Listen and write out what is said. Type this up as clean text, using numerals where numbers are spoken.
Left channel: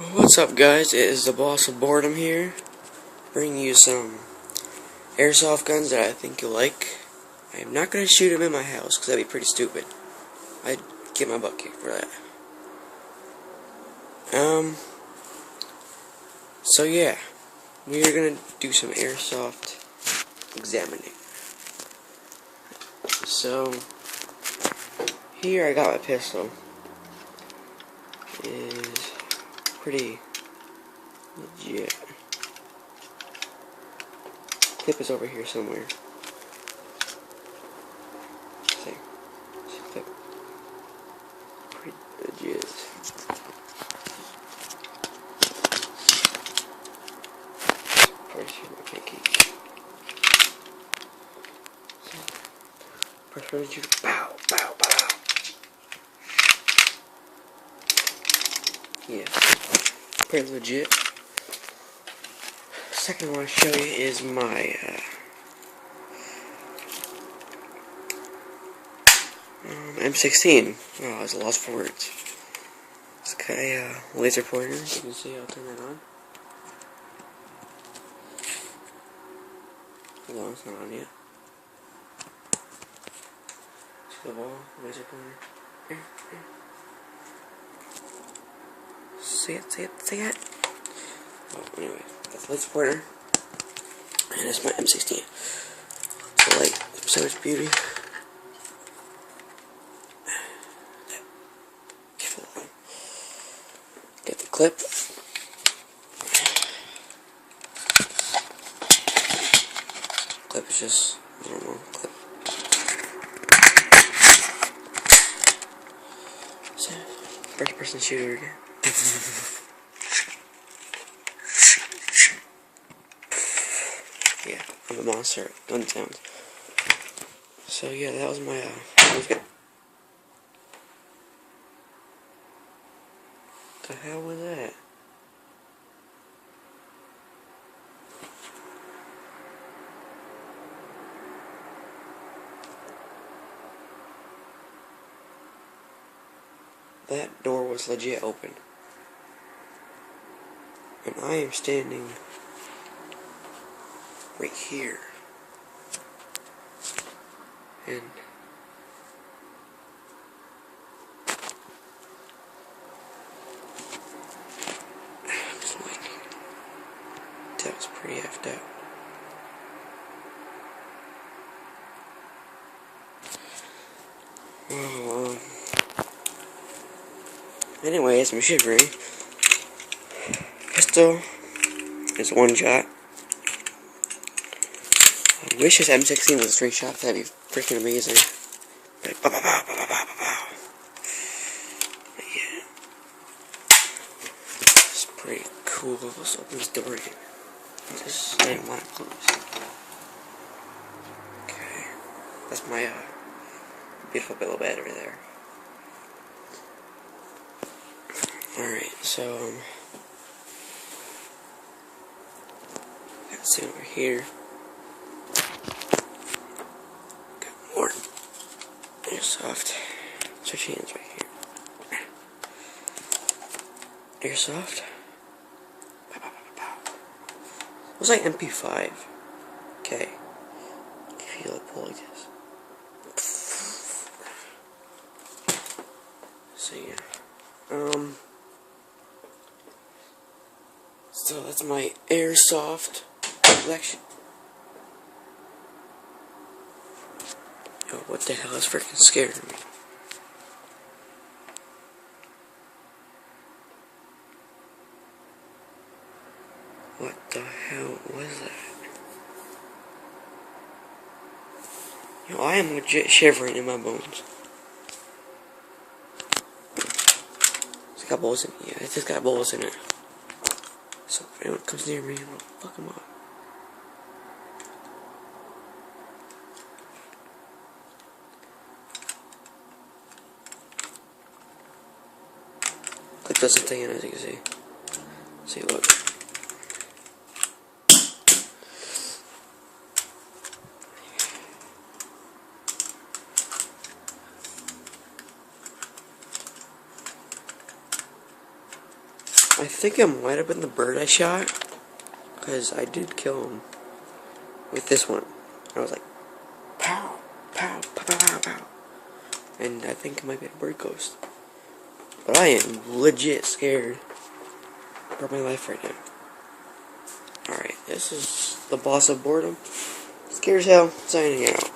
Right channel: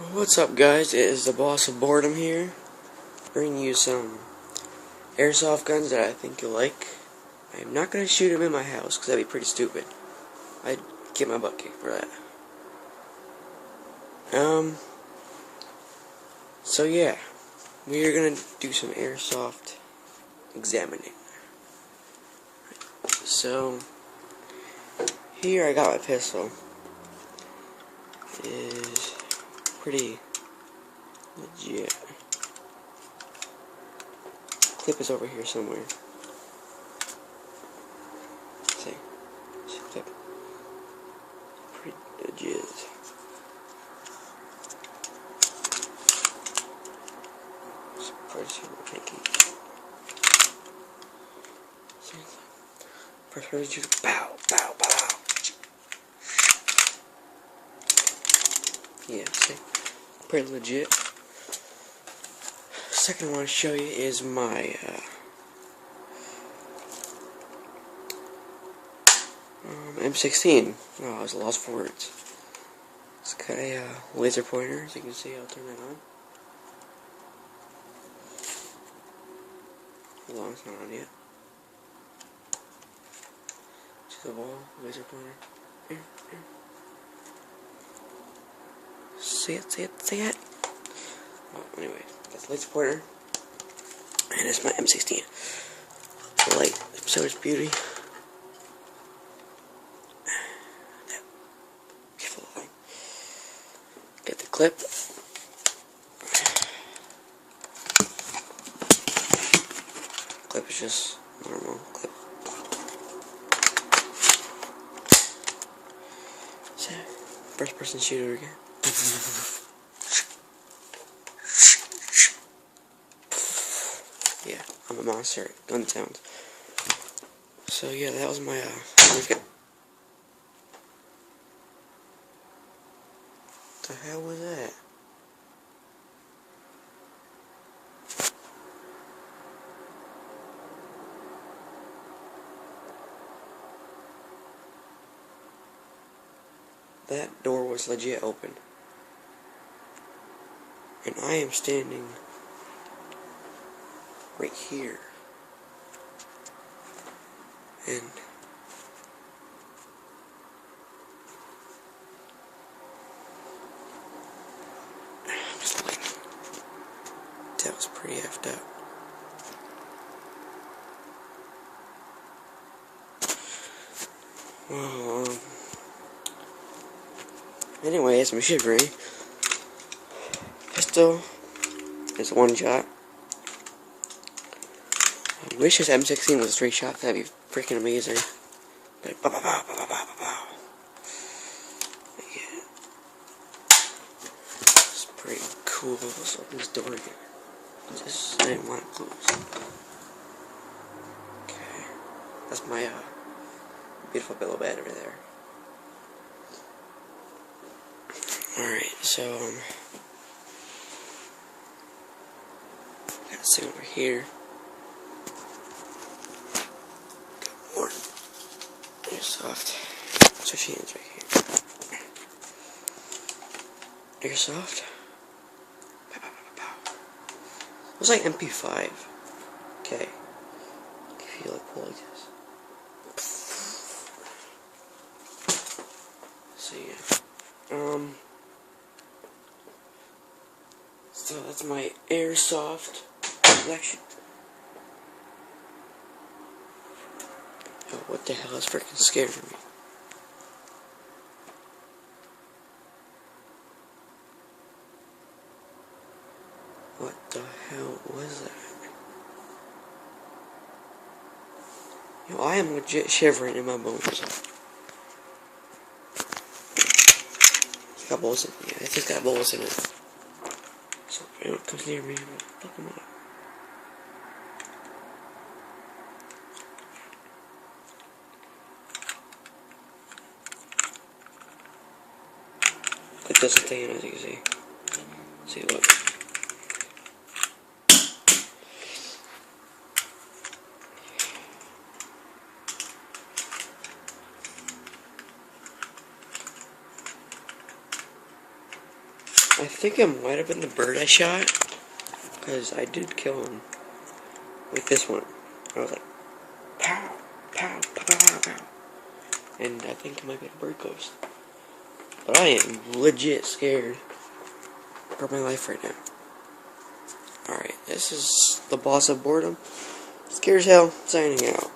What's up, guys? It is the boss of boredom here, bringing you some airsoft guns that I think you'll like. I am not going to shoot them in my house, because that'd be pretty stupid. I'd get my butt kicked for that. So yeah, we are going to do some airsoft examining. So, here I got my pistol. It is pretty legit. Clip is over here somewhere. See clip. Pretty legit. Press here my pinky. Press really to pow, pow, pow. Yeah, pretty legit. Second I want to show you is my M16. Oh, I was lost for words. It's got a laser pointer. You can see. I'll turn that on. Hold on, it's not on yet. See the ball, laser pointer. Here. See it. Oh, anyway, that's the laser pointer. And it's my M16. The light, so much beauty. Get the clip. Clip is just normal clip. So, first person shooter again. Yeah, I'm a monster at gun sounds. So yeah, that was my we've got. What the hell was that? That door was legit open. And I am standing right here. And I'm just like, that was pretty effed up. Well, anyways, I'm shivering. Pistol is one shot. I wish this M16 was 3 shots. That'd be freaking amazing. Like, pow, pow, pow, pow, pow, pow, pow. Yeah, it's pretty cool. Let's open this door again. I didn't want it closed. Okay, that's my beautiful pillow bed over there. Alright, so got this thing over here. Got more airsoft. Switch hands right here. Airsoft. Pow, pow, pow, pow. It was like MP5. Okay. If you like pull like this. So yeah. So that's my airsoft collection. Yo, what the hell is freaking scaring me? What the hell was that? Yo, I am legit shivering in my bones. It's got bullets in it. Yeah, it's just got bullets in it. So if anyone comes near me, I'm gonna fuck them up. It doesn't stay in, as you can see. See, look. I think it might have been the bird I shot, because I did kill him with this one. I was like, pow, pow, pow, pow, pow, pow. And I think it might be a bird ghost. But I am legit scared for my life right now. Alright, this is the boss of boredom. Scared as hell, signing out.